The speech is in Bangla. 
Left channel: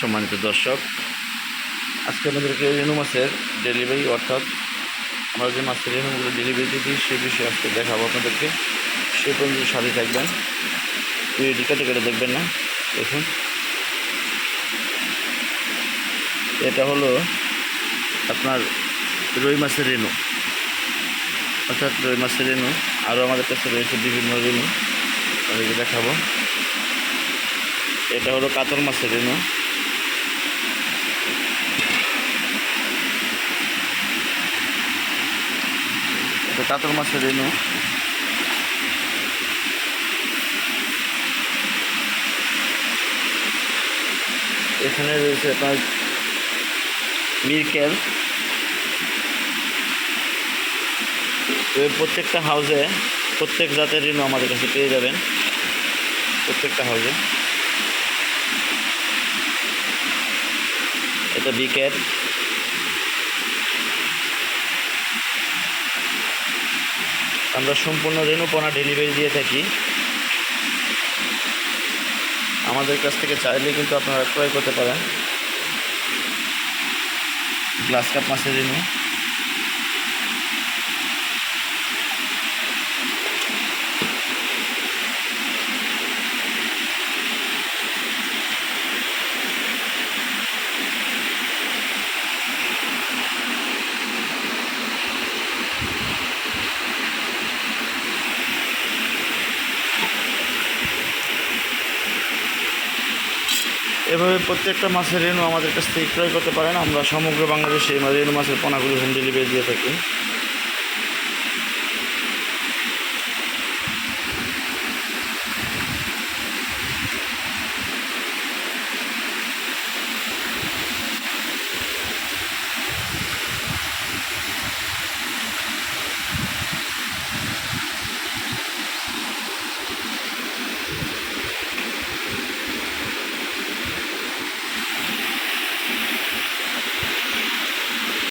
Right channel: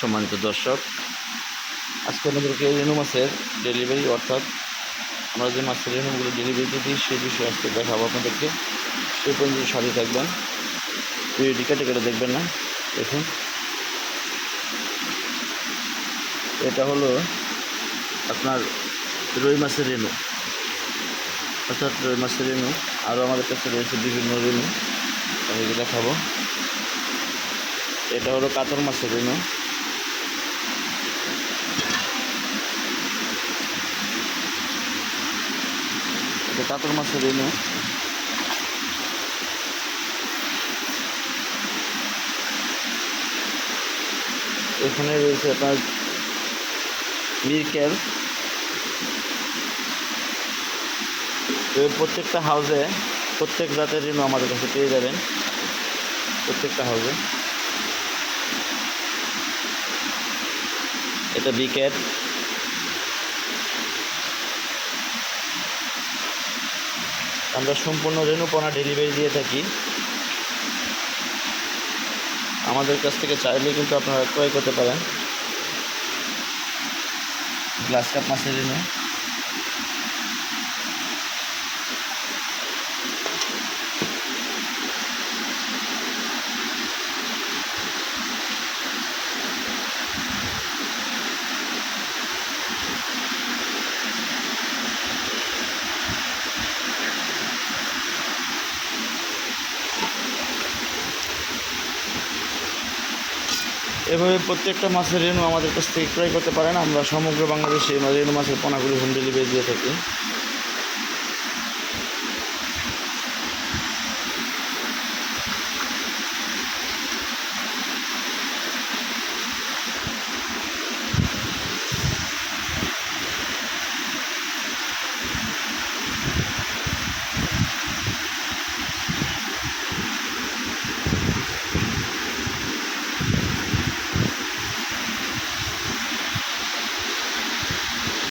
সম্মানিত দর্শক, আজকে আমাদেরকে রেনু মাছের ডেলিভারি অর্থাৎ আমরা যে মাছের রেনুগুলো ডেলিভারি দিই, সেই বিষয়ে আজকে দেখাবো আপনাদেরকে। সেই পর্যন্ত সাথে থাকবেন। ভিডিওটি কেটে কেটে দেখবেন না, দেখুন। এটা হলো আপনার রুই মাছের রেনু অর্থাৎ রুই মাছের রেনু আরও আমাদের কাছে রয়েছে বিভিন্ন রেনু আপনাদেরকে দেখাবো। এটা হলো কাতল মাছের রেনু এটা কাতল মাছের রেনু এখানে রয়েছে আপনার মিরকেল। প্রত্যেকটা হাউসে প্রত্যেক জাতের ঋণ আমাদের কাছে পেয়ে যাবেন। প্রত্যেকটা হাউসে। এটা বিকেট। আমরা সম্পূর্ণ রেণুপনা ডেলিভারি দিয়ে থাকি। আমাদের কাছ থেকে চাইলে কিন্তু আপনারা ক্রয় করতে পারেন। গ্লাস কাপ মাছের রেণু। এভাবে প্রত্যেকটা মাছের রেণু আমাদের কাছ থেকে ক্রয় করতে পারেন। আমরা সমগ্র বাংলাদেশে এই রেণু মাছের পোনাগুলি হোম ডেলিভারি দিয়ে থাকি।